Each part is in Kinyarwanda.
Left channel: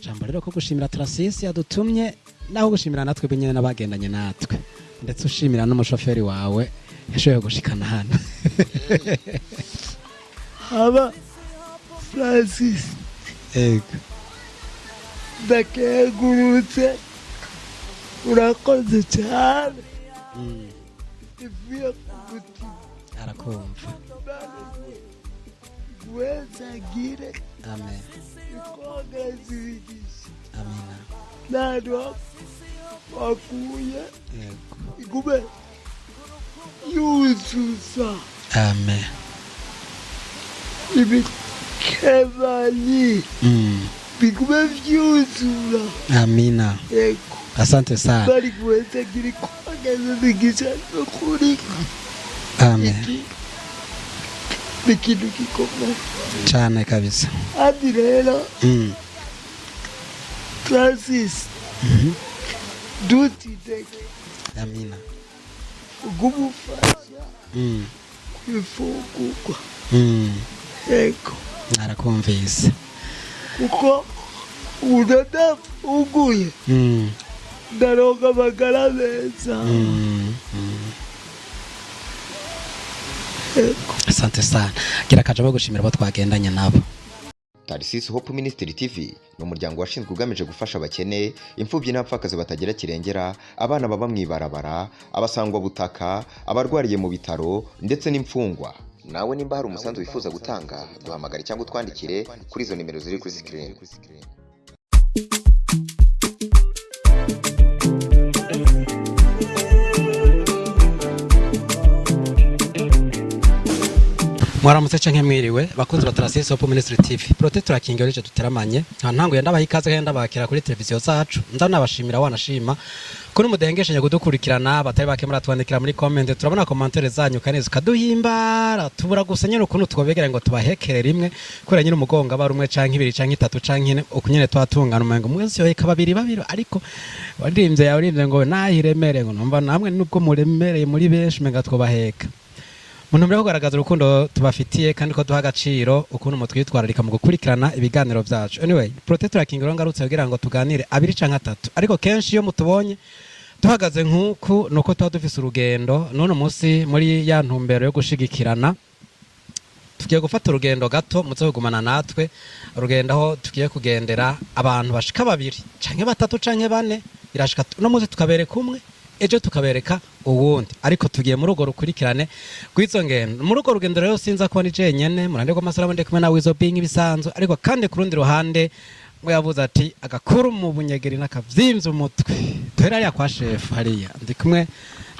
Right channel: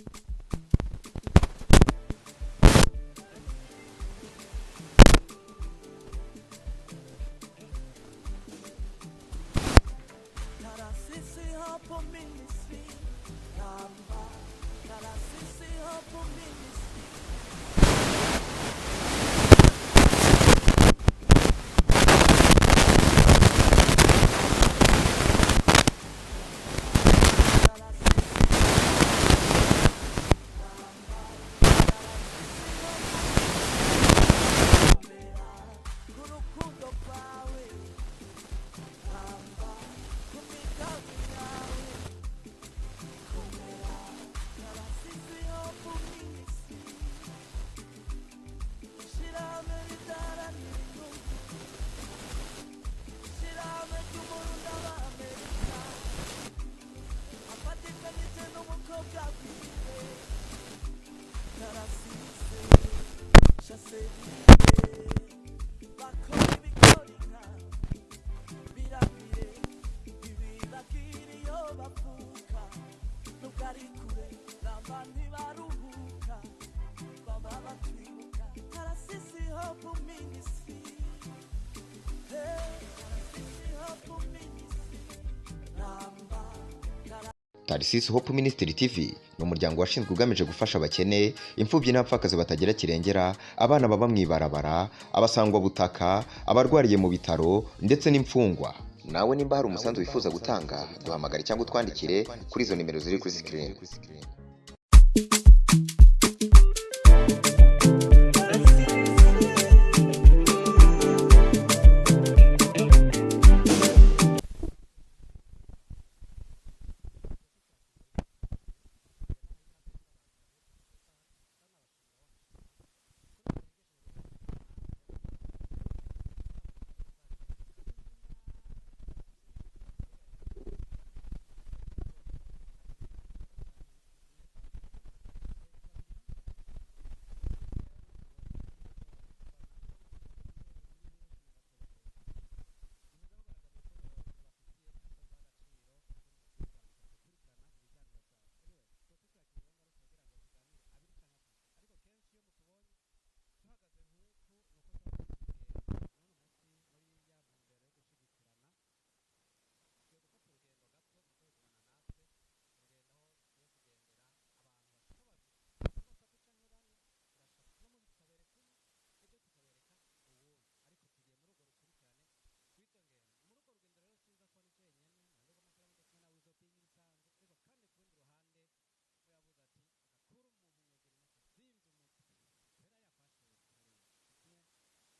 akajambo rero ko gushimira Tarasisi yadutumye naho gushimira natwe benyene nabagendanye natwe ushimira n'umushoferi wawe yashoboye gushikana hano aba Francis ndakegurutse urakoze cyane Amen. Ibikebali. Bigume vyuzura. Amina. Eko. Asante sana. Bari kuweza kiri kuageza bigisha nukuri. Amen. Bikidu kikome. Chane kabisa. Adi rero. Francis. Duty take. Amina. Gumufasha. Kwifungurwa. Eko. Narakumvise. Uko udada uguye. Ndaronga amagara meza. Asante sana. Gira kajabo gushimira abo twagendanye nabo. Tarasisi Hope Ministry TV ni umuryango washinzwe ugamije gufasha abakene, imfubyi n'abapfakazi batagira kirengera, abana baba mwibarabara, abasangwa butaka, abarwariye mu bitaro ndetse n'imfungwa. Nawe nimba hari umusanzu wifuza gutanga, duhamagare cyangwa utwandikire kuri izo nimero ziri kuri screen. Mwaramutse canke mwiriwe bakunzi ba Tarasisi Hope Ministry TV. Protector King Olice tuteramanye. Ntango yenda bahikaze kandi bakira kuri televiziyo zacu. Ndanabashimira wanashima. Kuri mudengeshenye gudukurikirana batari bakemura twandikira muri comment turabona commentaire zanyu kaneze kaduhimbara tubura gusenya ukuntu twobegera ngo tubahekere rimwe kure nyine umugonga barumwe canke ibiri canke itatu canke ukunyene twatungana umengo mwese yo babiri ariko waririmbye yaurimbye ngo nahiremere ngo numva namwe nubwo muremereye muri benshi menga twobaheka. Muntu mbere kugaragaza urukundo tubafitiye kandi ko duha agaciro ukuntu mutwitwararika mu gukurikirana ibiganiro byacu. Anyway, Protector King ngarutse kugira ngo tuganire abiri canke atatu. Ariko kenshi iyo mutubonye tuhagaze nkuko nuko tuba dufise urugendo none umunsi muri ya ntumbero yo gushigikirana tugiye gufata urugendo gato muze kugumana natwe urugendo aho tugiye kugendera abantu bashika babiri canke batatu canke bane irashika no muze tukabereka umwe ejo tukabereka uwundi ariko tugiye muri ugo rukurikirane rw'izo ngendo muri ugo rugendo rero sinza ko ni jenyene murande ko masalamu ndi kumwe na wizo being ibisanzwe ariko kandi ku rundi ruhande ngo yavuze ati agakuru mu bunyegeri n'akavyimvye umutwe tuhera ya kwa chef hariya ndi kumwe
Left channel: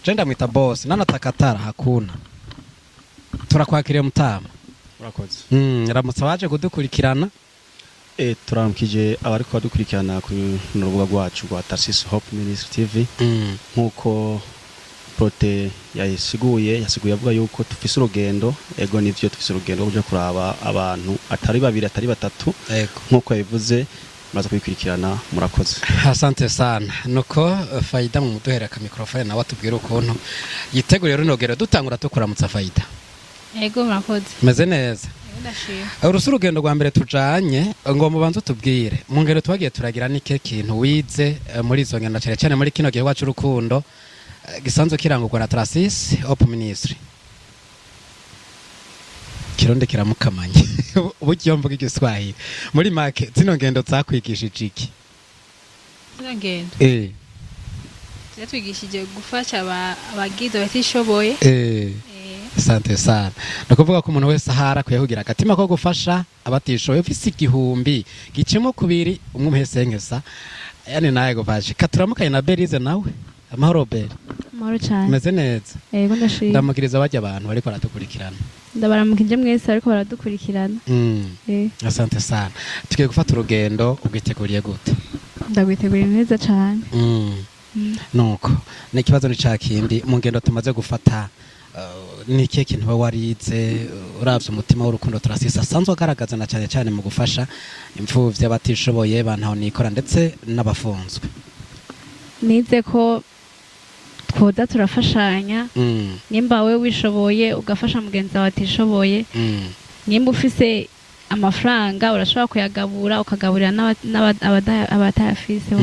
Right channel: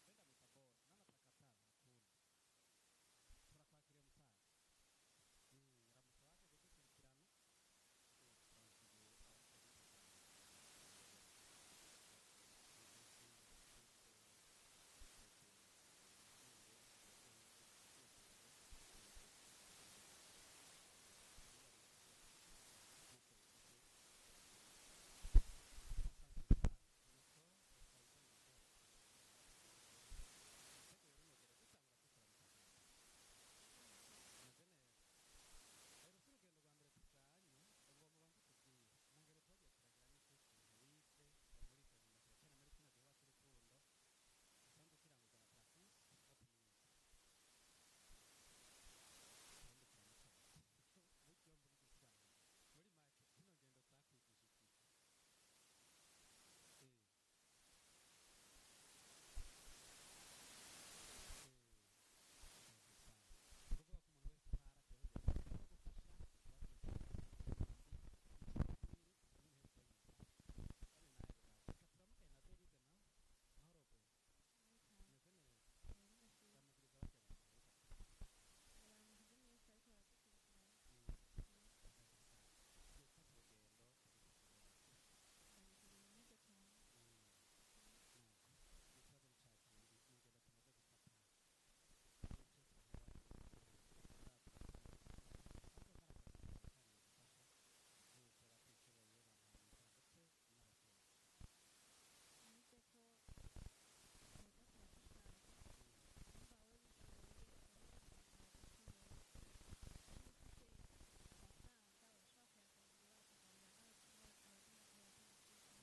je ndamwita boss nanatakatara hakuna turakwakiriye mutama urakoze ramutse baje kudukurikirana turamukije abariko badukurikirana ku rubuga rwacu rwa Tarasisi Hope Ministry TV nkuko Prote yasiguye avuga yuko tufise urugendo ego nivyo tufise urugendo rwo kuraba abantu atari babiri atari batatu nkuko yabivuze maze kubikurikirana murakoze. Asante sana nuko Faida mu muduhera ka microphone nawe atubwira ukuntu yiteguriye runogero dutangura tukuramutsa Faida. Ego murakoze. Meze neza. Urusu urugendo rwa mbere tujanye ngo mubanze tubwire mu ngero twagiye turagira nike kintu wize muri izo ngendo cyane muri kino gihe wacu urukundo gisanzwe kirangurwa na Tarasisi Hope Ministry. Kironde kiramukamanye uburyo mvuga igiswahili muri make zino ngendo zakwigishije iki? Zino ngendo zatwigishije gufasha abagize batishoboye. Asante sana. Nakuvuga ko umuntu wese ahara kuyahugira agatima ko gufasha abatishoboye ufise igihumbi gicemo kubiri umumuhesenkesa yani naye gufasha katuramukanye na Berize nawe amahoro Beri. Amahoro cyane. Meze neza. Yego ndashimye. Ndamukiriza bajya abantu bariko baradukurikirana. Ndabaramukije mwese ariko baradukurikirana. Asante sana. Tugiye gufata urugendo ugiteguriye gute? Ndagwiteguriye neza cyane. Nuko ni kibazo ni cakindi mu ngendo tumaze gufata ni ikihe kintu ba warize uravye umutima w'urukundo Tarasisi asanzwe agaragaza na cyane cyane mu gufasha imfuvyi abatishoboye bantaho nikora ndetse n'abafunzwe? Nize ko twoza turafashanya nimba we wishoboye ugafasha mugenzi wawe atishoboye nimba ufise amafaranga urashobora kuyagabura ukagaburira abatayafise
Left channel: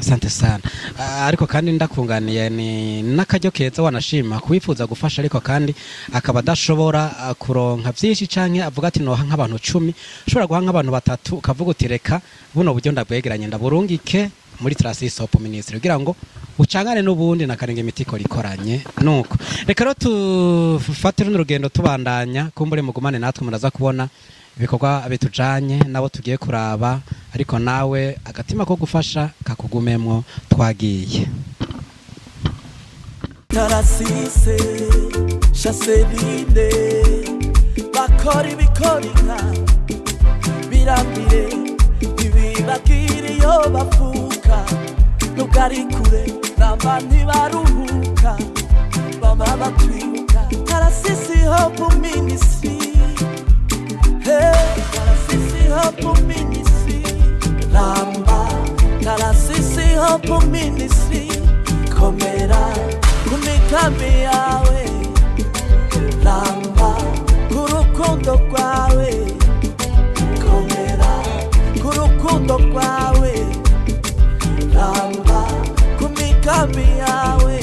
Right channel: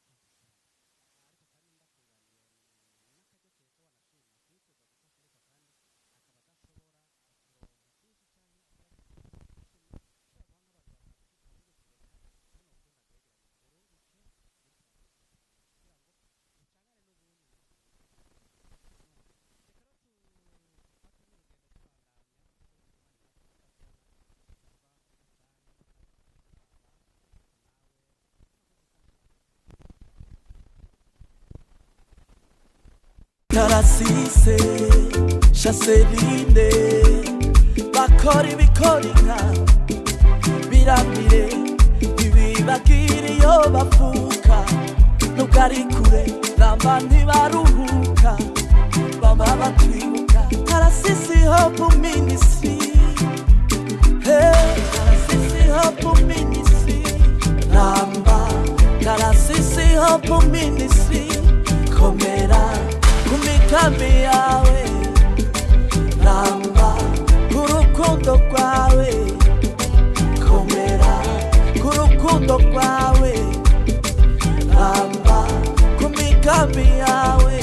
Asante sana. Ariko kandi ndakunganiye ni n'akaryo keza wanashima kuwifuza gufasha ariko kandi akaba adashobora kuronka byinshi canke avuga ati noha nk'abantu 10 ushobora guha nk'abantu 3 ukavuga uti reka buno buryo ndabwegeranye ndaburungike muri Trasis Hope Ministry kugira ngo ucangane n'ubundi nakarenge imitiko rikoranye nuko reka rero tufatire n'urugendo tubandanya kumbure mugumane natwe muraza kubona ibikorwa bitujanye nabo tugiye kuraba ariko nawe agatima ko gufasha kakugumemwo twagiye Tarasise Chaserine bakora ibikorinka birambire ibibagiri yo bafuka nugari kure namba ntibaruhuka bama batwibuka Tarasisi Hope Ministry Tarasisi Hope Ministry Namba Tarasisi Hope Ministry Komera kumikambi yawe Namba kurukundo kwawe Komera kurukundo kwawe Namba kumikambi yawe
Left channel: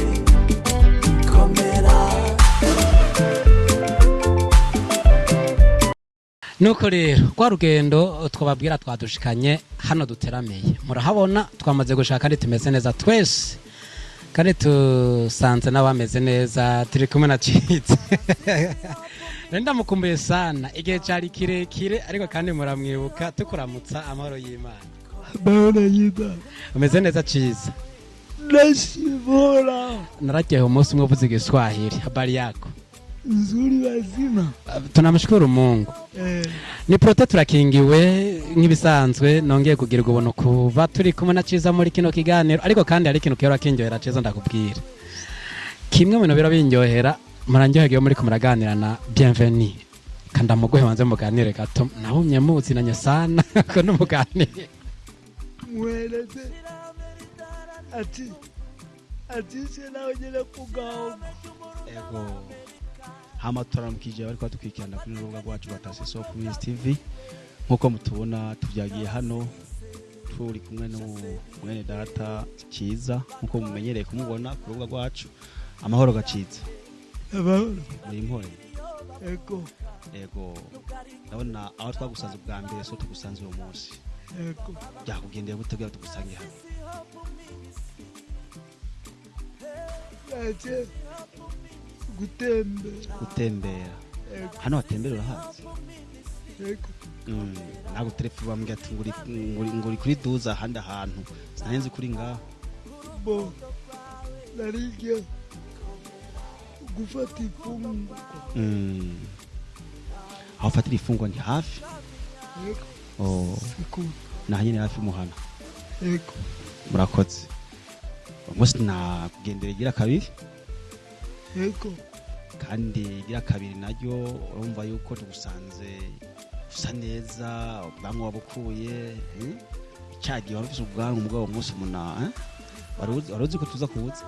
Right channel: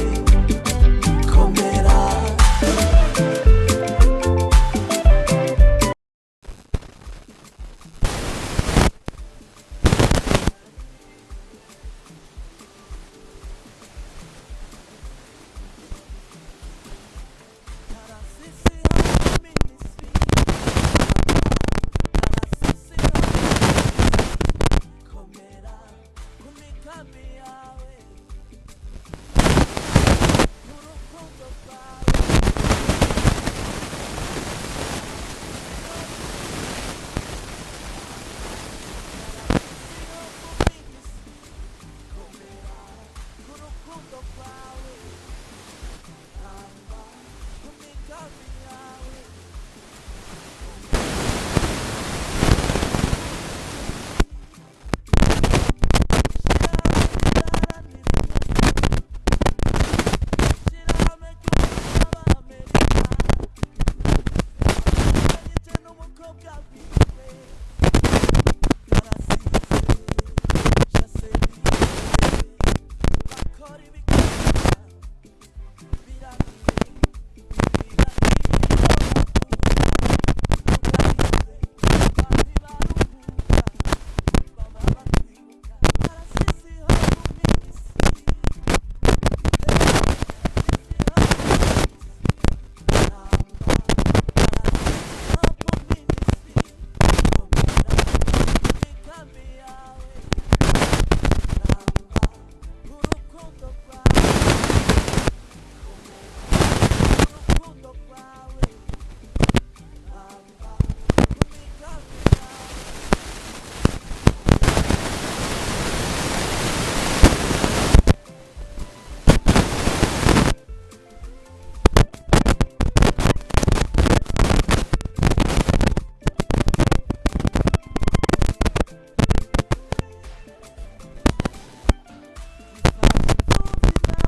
Komera nuko rero kwa rugendo twababwira twadushikanye hano guteraniye murahabona twamaze gushaka kandi tumeze neza twese kandi tusanze n'abameze neza turi kumwe na Citse Renda mukumbuye sana igihe cyari kirekire ariko kandi muramwibuka Bana yiba umeze neza Ciza nashibora bagiye umunsi umwe uvuze Igiswahili bari nzuri yazima tunamshukuru Mungu ni prote turakingiwe nk'ibisanzwe nongeye kugirirwa ubuntu kuba turi kumwe na Ciza muri kino kiganiro ariko kandi hari ikintu kero kinjohera Ciza ndakubwira kimwe mu bintu biro binjohera muranjohege muri kumuraganira na bienvenue kanda muguhe wanze muganire gato ahumye muziranye sana ko numuganire mweleze ati sinagera kugaho amatora mukije ariko tukugira wacu Tarasisi Hope Ministry TV nkuko mukubona tujyagiye hano Ciza nkuko mumenyereye ko kuvuga kwacu amahoro gaciza abaho eko na abasanzwe bwambere so gusanzwe bose eko byakugendeye gutegeka tusangira ate gutembera hano kandi nguri kuri duza hano sinzi kuri ngaho bo aho fatira ifungwa ni hafi umunsi na eko kandi yakare naryo urumva yuko dusanzwe dusa neza ubwanwa wabukuye cyagiye wari ufite ubwanwa bw'uwo munsi umuntu urumva rero ko tuza kubuza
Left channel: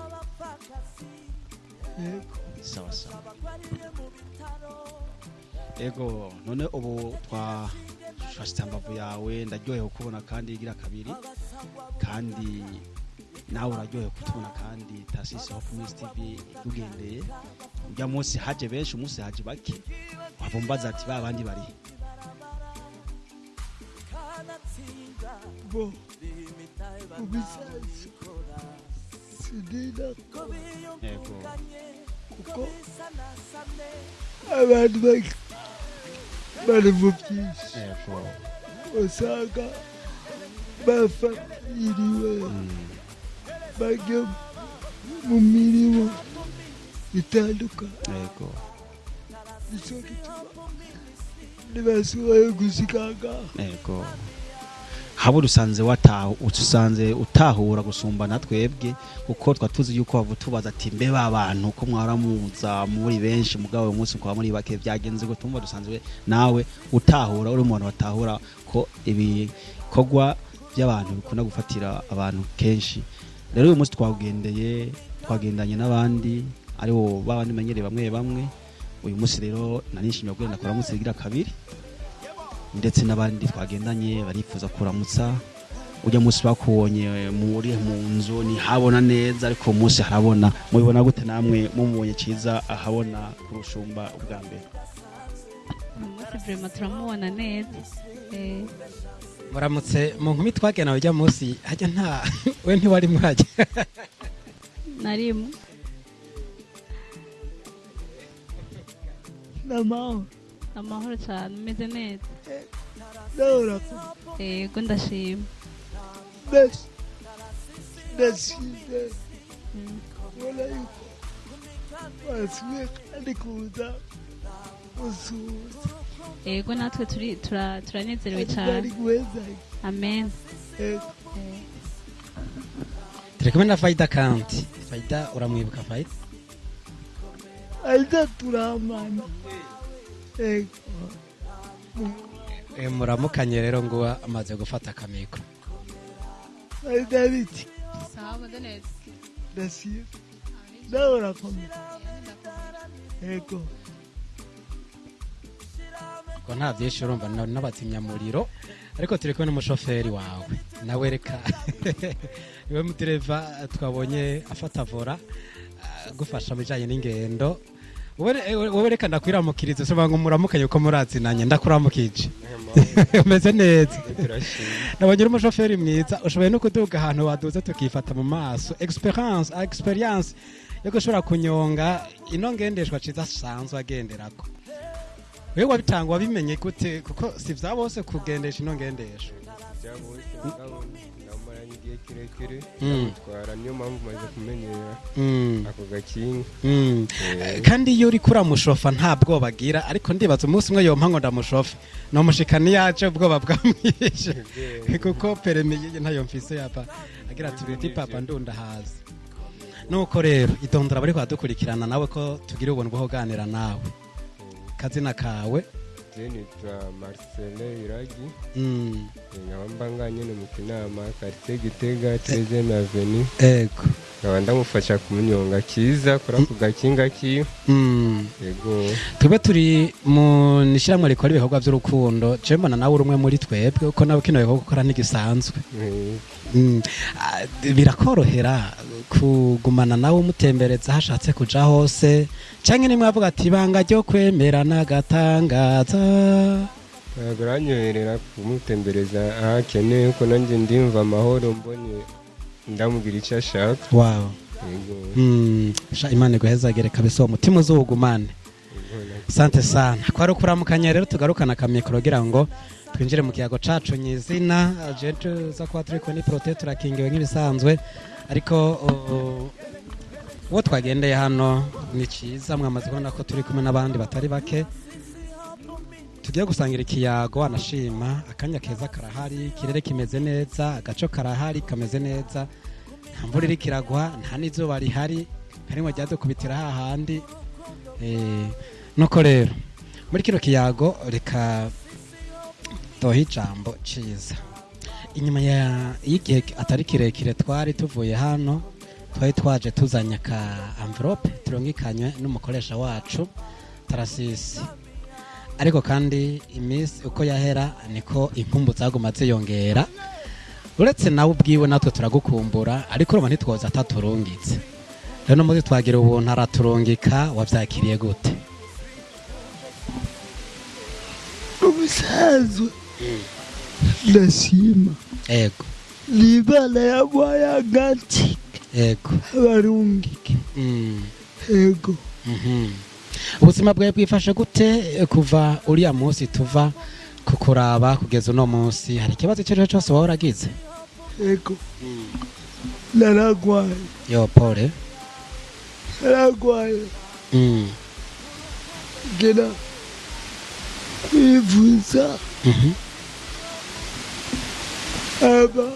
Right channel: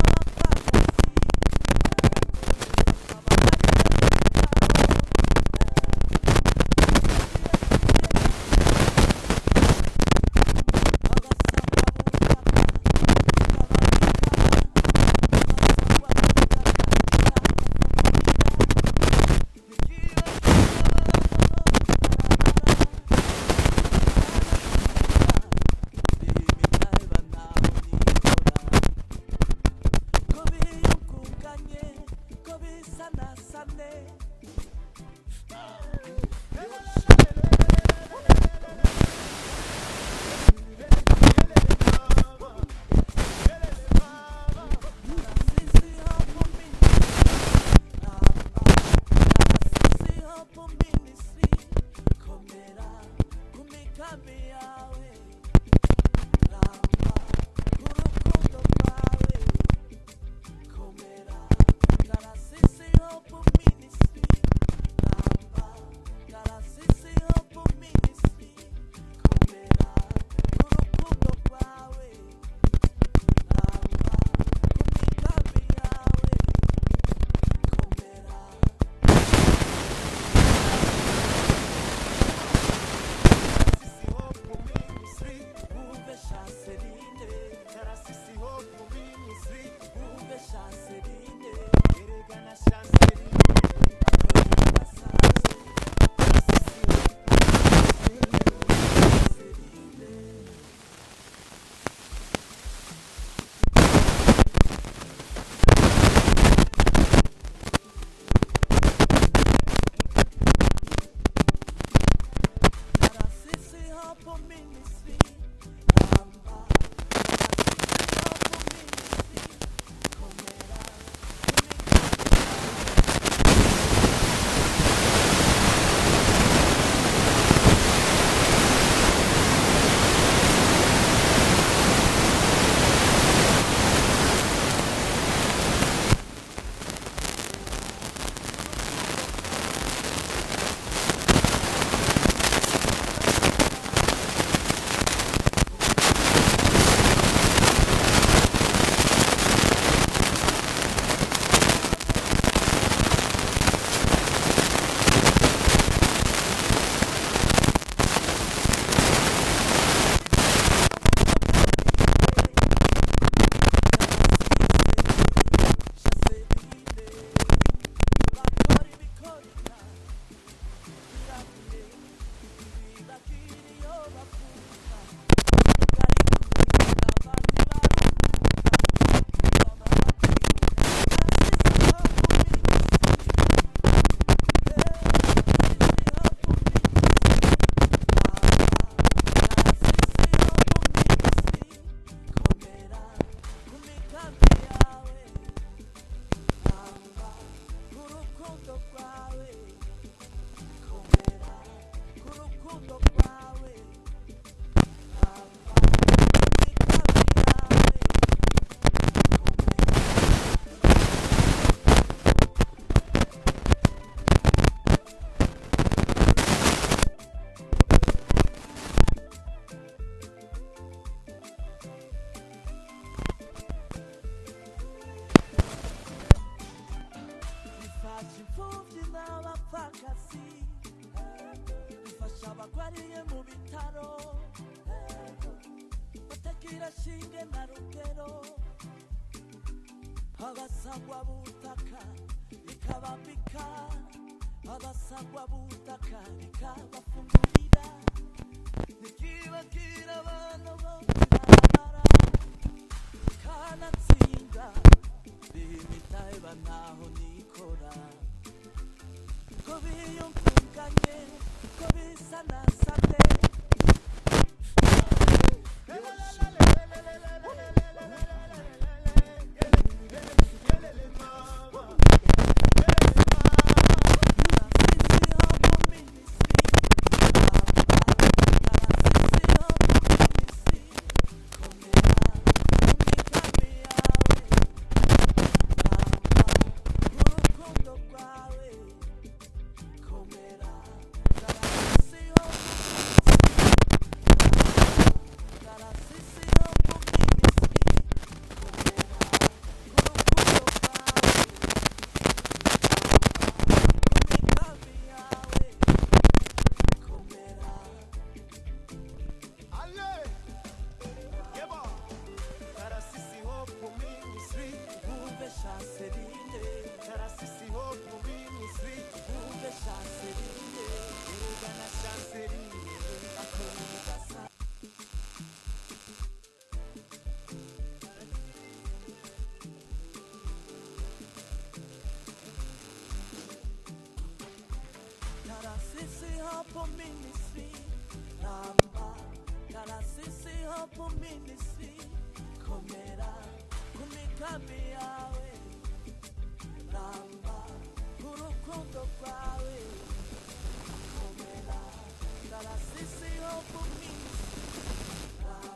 yego none ubu abantu bari mu byinshi usanga bava iriba bajya mu mirimo itandukanye ntibashoboye gushikanga habo usanze utahura gusumbana twebwe uko twatuzi yuko bavutubaza ati mbe babantu ko mwaramuza muri benshi mugabo uyu munsi kwa muri bake byagenze ko tumva dusanzwe nawe utahura uri umuntu watahura ko ibikorwa by'abantu bikunda gufatira abantu kenshi rero uyu munsi twagendanye n'abandi ari bo babandi menyere bamwe umunsi rero nyinshi ndetse n'abandi bagendanye barifuza kuramutsa ujya munsi bakubonye muri mu nzu ntihabona neza ariko umunsi harabona mubibona gute namwe mumubonye cyiza ahabona umushumba turamubona neza muramutse mu nkumi twagena ujya munsi hajya nta we ntiwari mwajya narimo amahoro cyane umeze neza yego ndashima Kumena faida kandi muramukanye rero ngo n'ingendo wowe reka ndakwiramukiriza soba ngo muramukanye uko murazinanye ndakuramukije umeze neza nabonye uri umushoferi mwiza ushoboye no kuduga ahantu waduze tukifata mu maso experience ushobora kunyonga ino ngendeshwa kidasanzwe agenderako wewe wabitanga wabimenye gute ko bya bose kugendesha ino ngendeshwa ako gakinga kandi iyo uri kuramushofa nta bwoba agira ariko ndibaza umunsi umwe yompa ngo ndamushofe nomushikani yaje ubwoba bwamwishe kuko peremi ntayo mfise yapa yaratubiri papa ndunda haza nuko rero idonda bari badukurikirana nawe ko tugira ubuntu bwo kuganira nawe kazina kawe mbanganye no mukinama quartier Gitega 13e avenue ego nkaba ndamufasha kumunyonga kiza kora ku gakinga kiyo yego tube turi mu nishiramwe rikora ibikorwa by'urukundo je mbona nawe urumwe muri twebwe uko nawe kino bikorwa gukora n'igisanzwe birakorohera kugumana nawe umutembereza hashatse kuja hose canke nimwe avuga ati banga ryo kwemera nagatangaza biranyoherera kumutembereza ahakeneye uko nanjye ndimva amahoro mbonye ndamubwira icyo ashaka wow Imana iguhezagere kabisa uwo mutima uzuwugumane sante sana kwari ukuramukanya rero tugarukana akamikoro kugira ngo twinjire mu kiyago cacu nyizina jetuza kuba turiko ni prote turakingiwe nk'ibisanzwe ariko uwo twagendeye hano ni cyiza mwamaze ko turi kumwe n'abandi batari bake tugiye gusangira ikiyago anashima kandi keza karahari ikirere kimeze neza agaco karahari kameze neza imvura iri kiragwa nta n'izuba rihari harimo ryaze kubitira hahandi nuko rero muri kino kiyago reka tohita ciza inyuma y'igihe atari kirekire twari tuvuye hano twari twaje tuzanye ka envelope turumikanye n'umukoresha wacu Tarasisi ariko kandi iminsi uko yahera niko impumbu zaguma ziyongera uretse nawe ubwiwe natwe turagukumbura ariko urumva ntitwoza ataturungitse rero muzi twagira ubuntu araturungika wavyakiriye gute umusaza ndashima ego libala yabwaya agati ego abarungike ego ubuzima bwawe bwifashe gute kuva uriya munsi tuva kukuraba kugeza uno munsi hari ikibazo icyo ari cyo cyose waba waragize ego naragwaye yo pole naragwaye gena kwivuza aba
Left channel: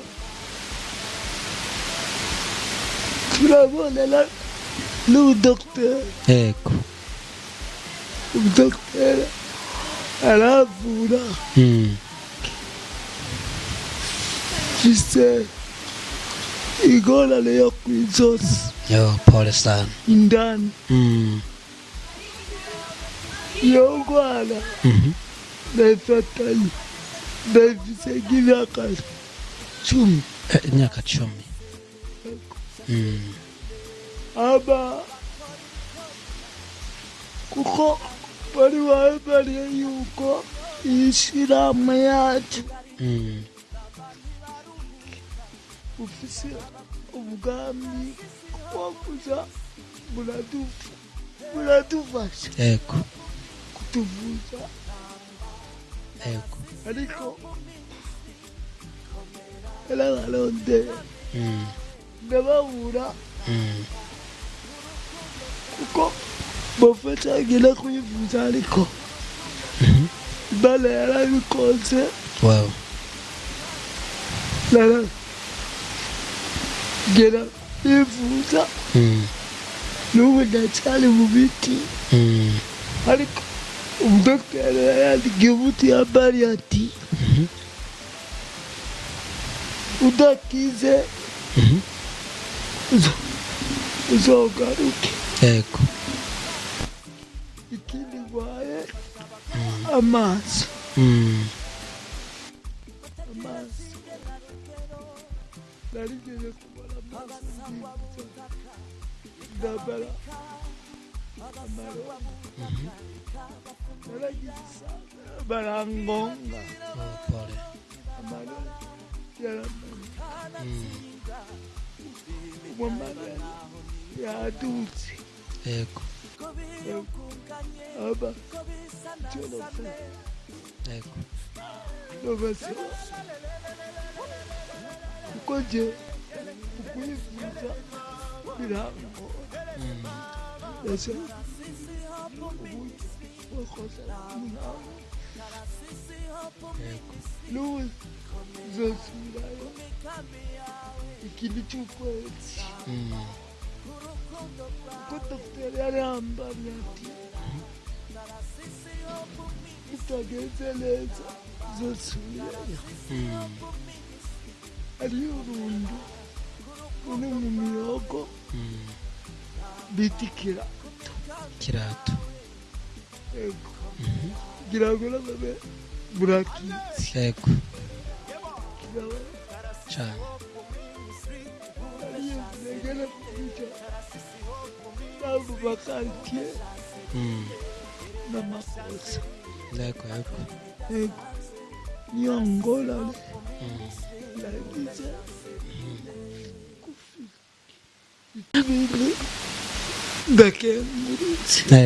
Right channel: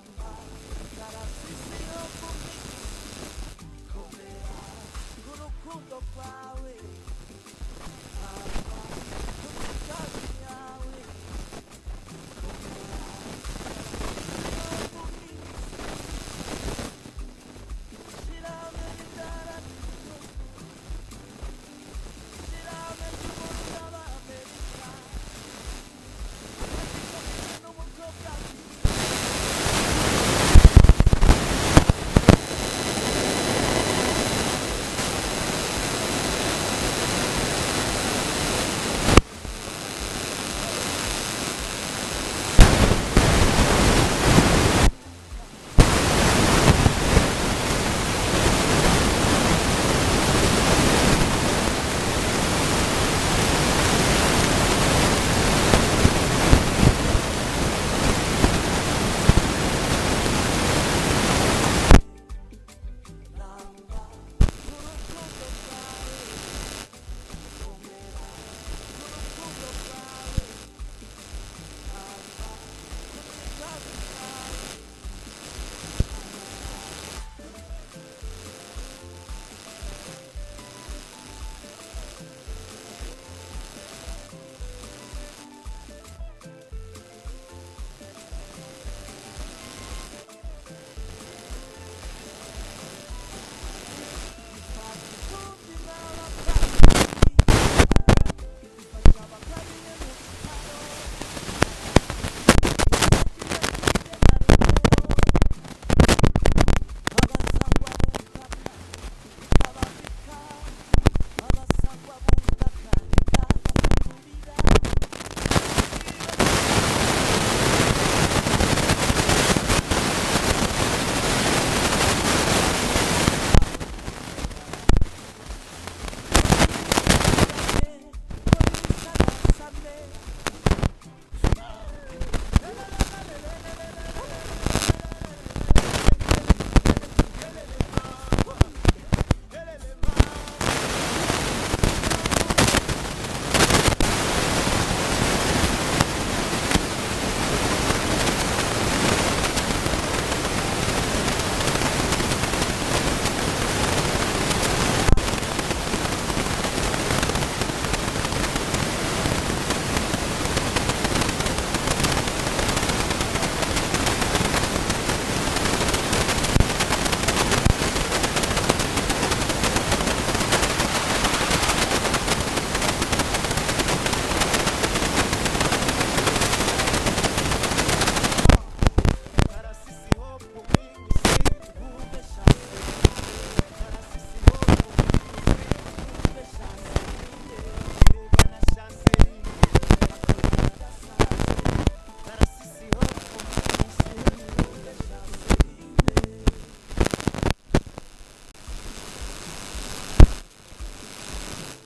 turabonana n'udokiteri ego udokiteri aravura mfise ingorane yo kw'izosi yo pole sana indani iyo ndwara nafatanye ndafise nk'imyaka 10 imyaka 10 aba uko wari wabariye yuko ishirahamwe yacu ndababura uko bafatanyije kwivuza ariko Imana yarabikoze wow naragera kwivuza n'ubu ndacyari mu biti ariko umudokiteri yandikiye umuti yambariye ati udakize uzogaruke yego kirwaye amaso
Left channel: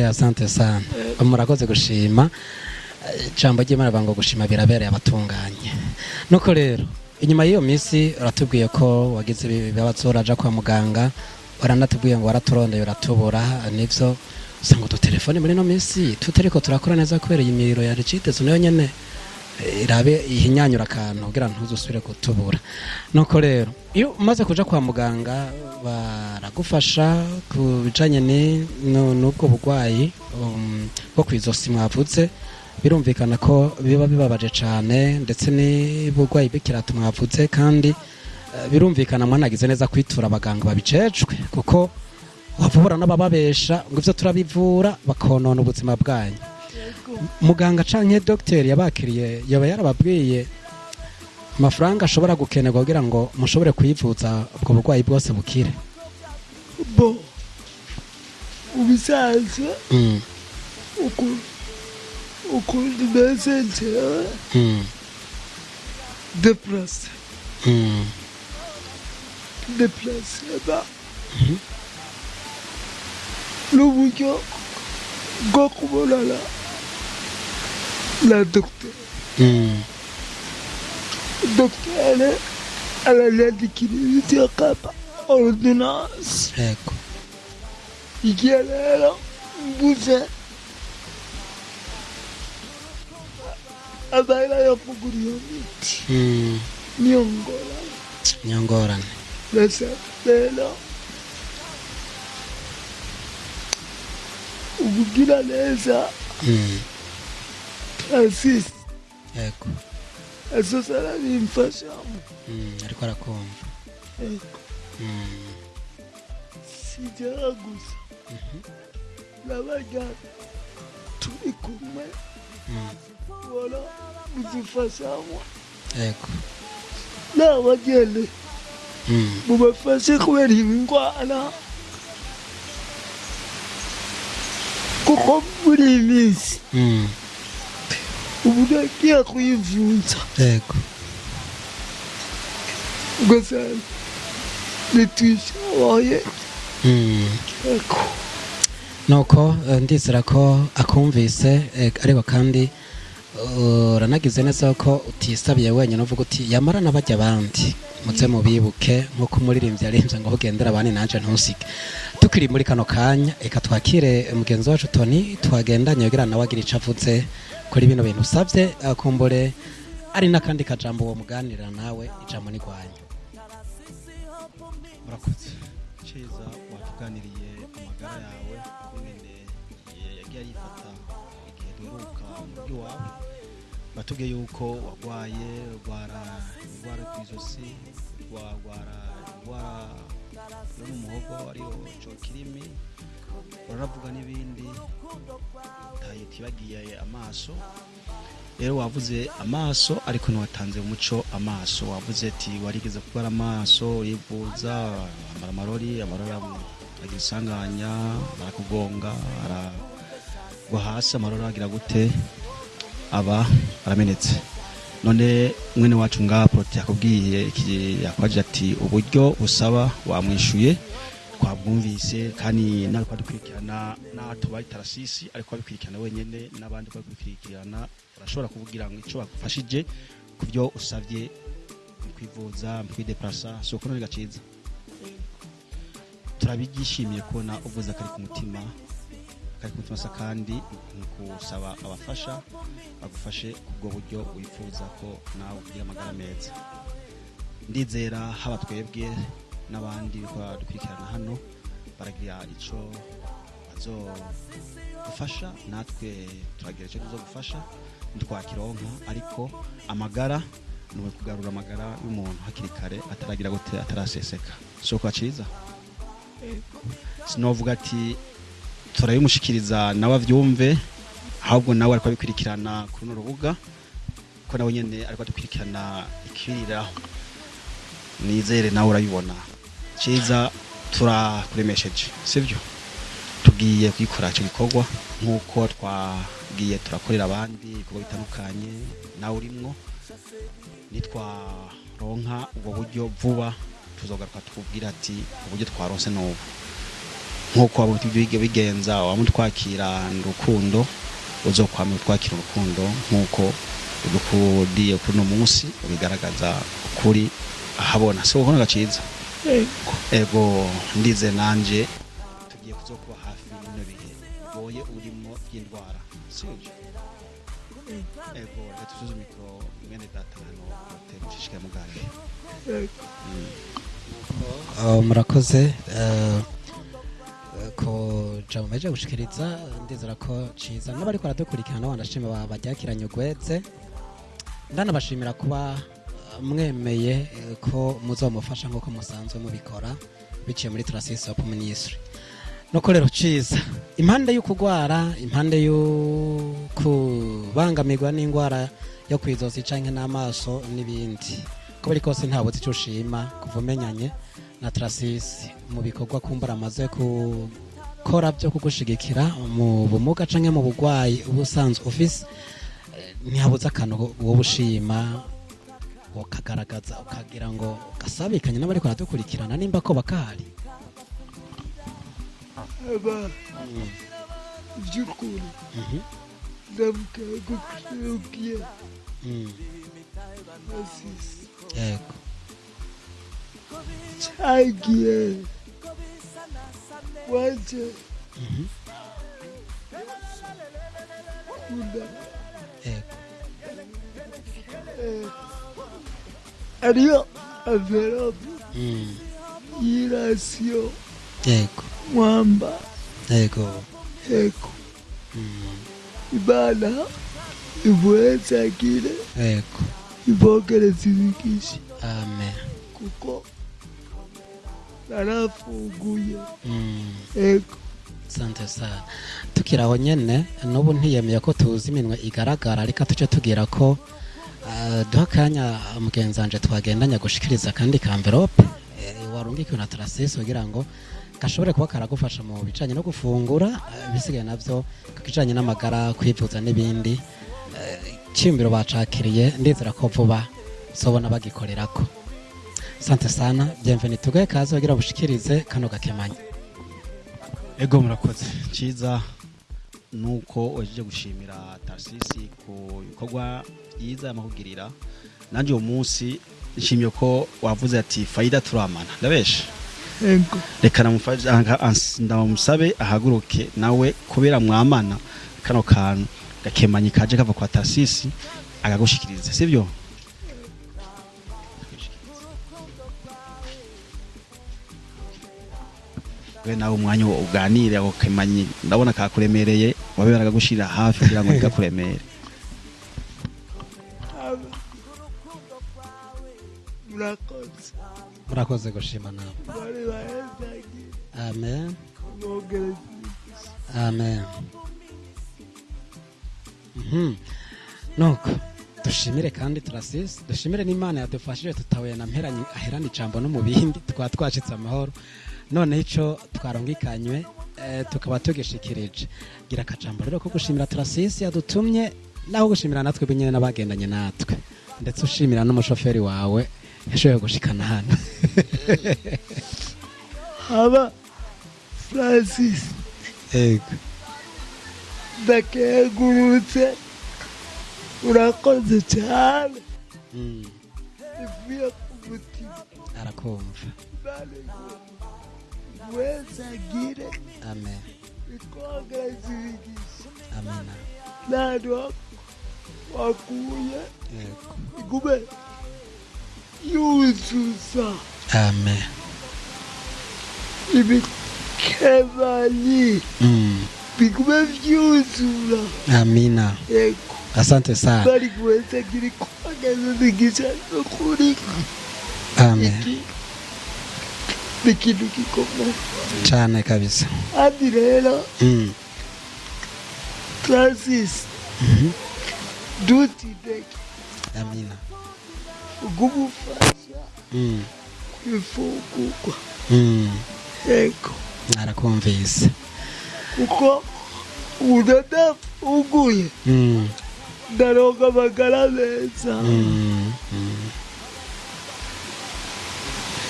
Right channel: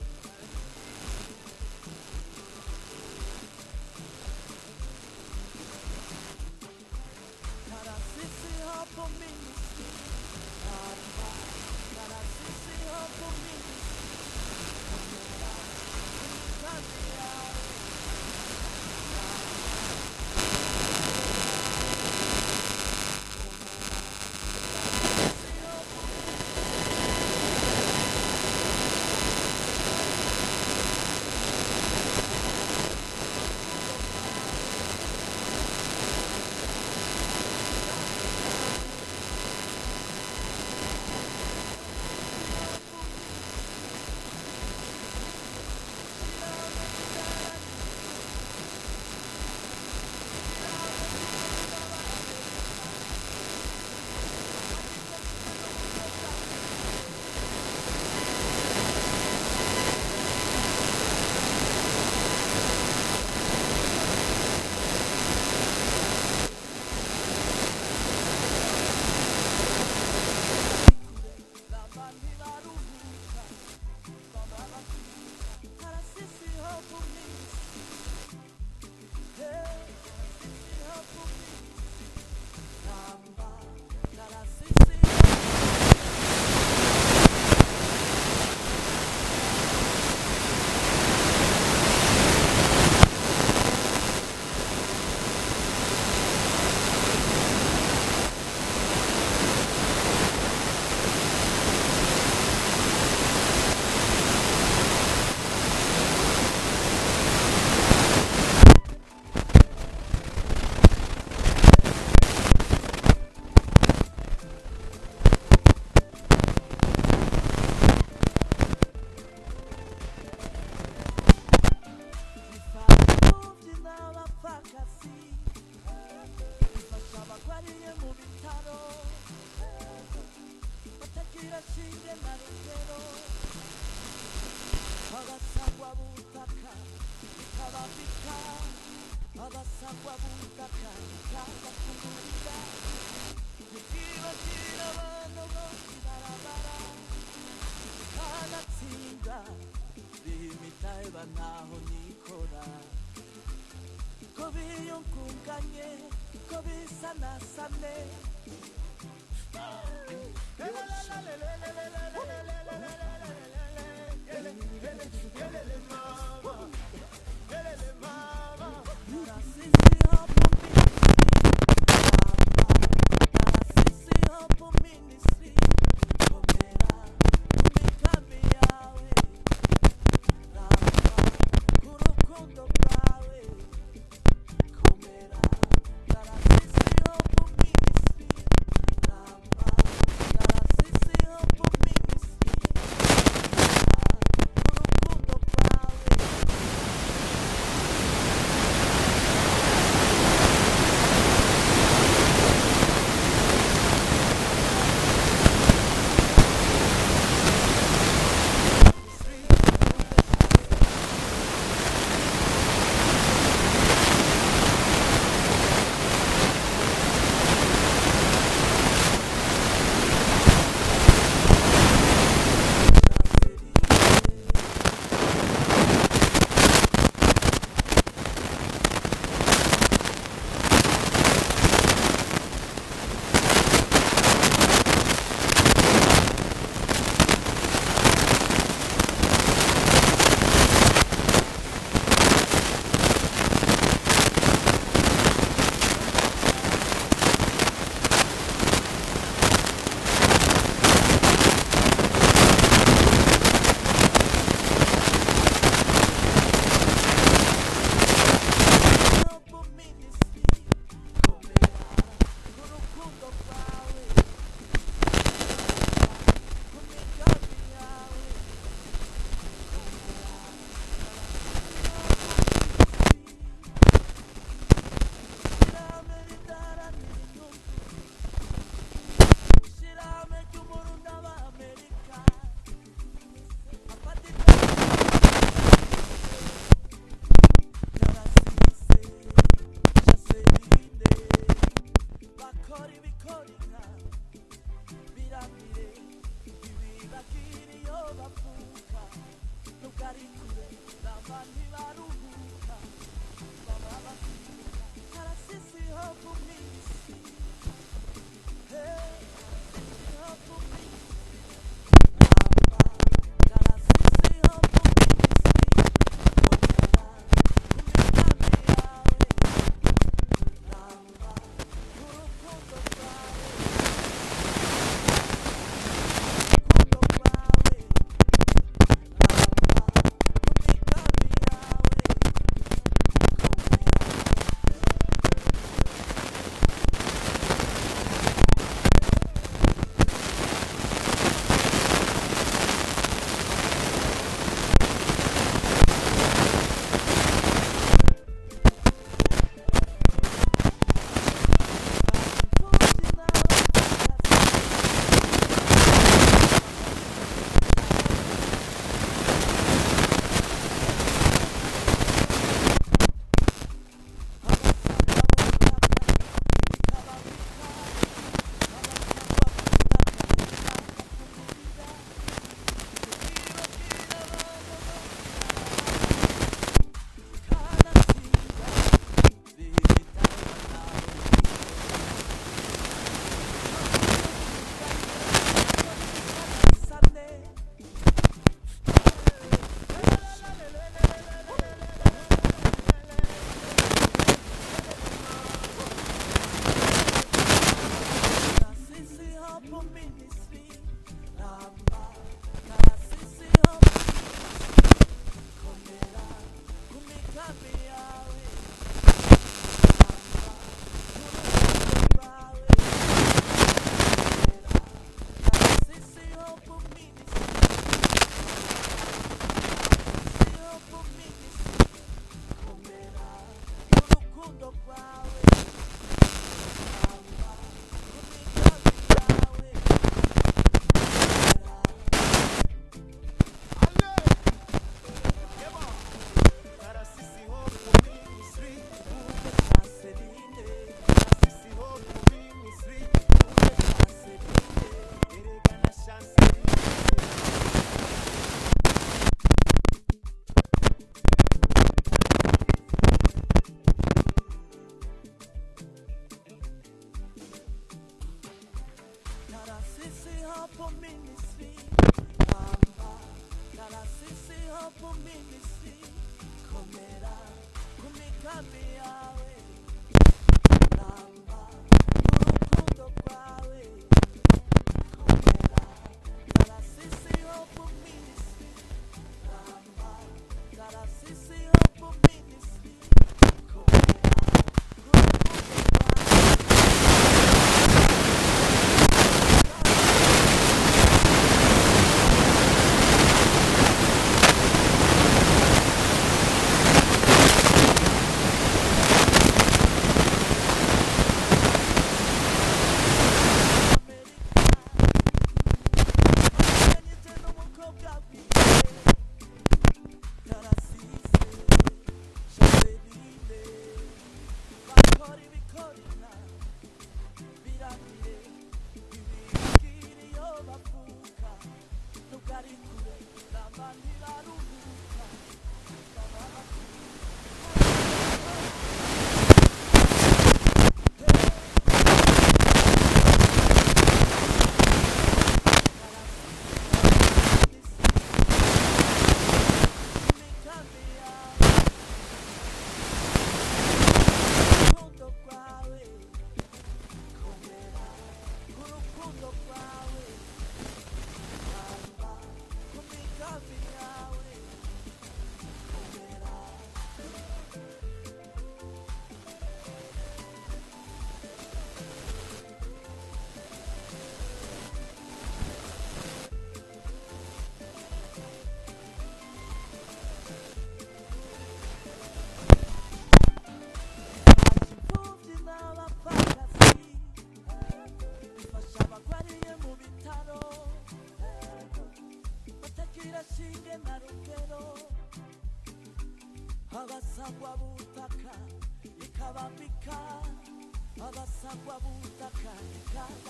asante sana murakoze gushima ijambo ry'Imana bango gushima birabereye abatunganye nuko rero inyuma y'iyo minsi uratubwiye ko wagize ibibazo uraja kwa muganga waranatubwiye ngo waraturondeye uratubura nivyo usanga udutelefone muri no minsi tutariko turakora neza kubera imiriro ya recitezo nayo nyene irabe ihinyanyura akantu kugira ngo dusubire kutubura nuko rero iyo umaze kuja kwa muganga baragufasha ku bijanye n'ubwo burwayi bwo kwizosi mwavuze birumvikana ko biba bibabaje cyane ndetse n'uburwayi bw'ikirato mwavuze kandi birumvikana mwanagize neza kwitura abaganga babicecwe kuko bavura n'abababesha ngo ivyo turabivura bakonona ubuzima bwayo muganga canke docteur yabakiriye yaba yarababwiye amafaranga ashobora gukenerwa kugira ngo mushobore kwivuza ubwo burwayi bwose bukire bo ubisanzwe ukuntu meze njyewe deplase n'uburyo bwo kubonana na dogiteri dogiteri aranyandikira imiti akaba ordinance igihe rero gusa amahera yo kugura imiti niyo nyangora mbese rero kugira neza azize azozara nimfasha nabaga turi kumwe wala bafashanywa yego n'abageni mubafashe kubera indwara kuko muri iyi minsi ubu nagiye kuyivuza yego ugasanga nitwishoboye yego nuko ndizera ko akumvise ariko kandi uranagize neza ko utisabiye wenyine uvuga uti yamara n'abajya abandi muze mubibuke nk'uko umuririmbyi yarinze ngo ugendera abandi nanje ntusige tukiri muri kano kanya reka twakire mugenzi wacu Tony twagendanye kugira nawe agira icyo avuze kuri bino bintu usabye akumbure hari n'akandi kajambo muganira nawe ijambo ni kwawe. batubwiye yuko waye aba bameze none ibintu wacu ngaho tukubwiye project uburyo usaba wamwishuye amagara ni ukugarura amagara y'umuntu hakiri kare ataragira gute ataraseseka so kwa cyiza sinovuga ati turayimushikiriza nawe avyumve ahubwo nawe ariko bikurikirana ku rubuga ko nawe nyene ariko dukurikirana ikirira nizere nawe urayibona cyiza turakuremesheje sivyo tugiye kwikora cyo gikorwa nk'uko twagiye turakorera abandi kubitandukanye nawe urimo nitwaronka ubwo buryo vuba tuzogaruka tukubwira ati uburyo twarose n'ubu nk'uko abutubige bigenza wamutwakira urukundo uzokwama twakira urukundo nk'uko udukudiye kuno munsi ubigaragaza kuri ahabona so ubona gaciza ego ndize nanje tugiye kuzokuba hafi murakoze ko jambo meje gushikiriza ndizera ko ciza muri ariko aradukurikirana wanashimye wabajyakiranye ugwetse ndanabashimira kuba mwemeye ko muzamufasha ko musanzwe n'ubikora biciye muri transisi nuko rero ciza impande yo kugwara impande yo kubangamirwa n'indwara yo kwizosi canke n'amaso n'ibindi ko biri kose ntabwo icyo ushima kumenyane amaze gukora byo kugushigikira mu bumuga canke mu bugwayi ubusanzwe ufise ntihabuze akantu wowe ushima ukagaragaza ukagira ngo asabikanye niba ariko aradukurikirana nimba ko bakahari Adiós. Irasio. Yego. Mwamba. Yego. Yego. Ibana. Ibueza kile. Yego. Ibokele zibikisha. Amen. Narafunguye. Yego. Santo sana. Tukiraho nyene n'ubu ntiyemeye ko tuzi iminwe igaragara ariko tuce tugira ko duha akanya mugenzi wanje twagendanya gushikiriza kandi ka envelope barungikiwe na Tarasisi kugira ngo ashobore kuba karagufasha mu bijanye no gufungura ibisigaye navyo bijanye n'amagara kwivuza n'ibindi cimbiro bacakiriye ndizera ko vuba sobona bagikorerako. Asante sana, bienvenue tugaye kaze kugira bushikirize kano gakemanya. Ego murakoze. Cyiza nuko waje gushimira Tarasisi mu bikorwa byiza amahugirira. Nanje uwo munsi nshimye ko wavuze ati faida turamana. Ndabesha. Ego. Reka ndamusabe ahaguruke nawe kubera mwamana kano kantu gakemanyi kaje kava kwa Tarasisi agagushikiriza sivyo. Nawe umwanya uganire ako kemanyi ndabona kakuremereye waberaga gushira hafi kugira ngo nikakuremere. Twacitse amahoro none ico twikanywe tukaba tugikirije gira akajambo rero ko gushimira Tarasisi yadutumye naho gushimira natwe binyene n'abagendanye natwe ndetse ushimira n'umushoferi wawe yashoboye gushikana hano Aba Francis ego ndakegurutse urakoze cyane amen ibikemanyi bigume vyuzura amina. ego Asante sana. bari kuweza kiri kuageza nigisha kuri Amen. Bikintu gikomeye Cyane kabisa. andi rero Tarasisi dutideke Amina. ugumufasha kwifungurwa ego Narakumvise. kuko udada uguye ndaronka amagara meza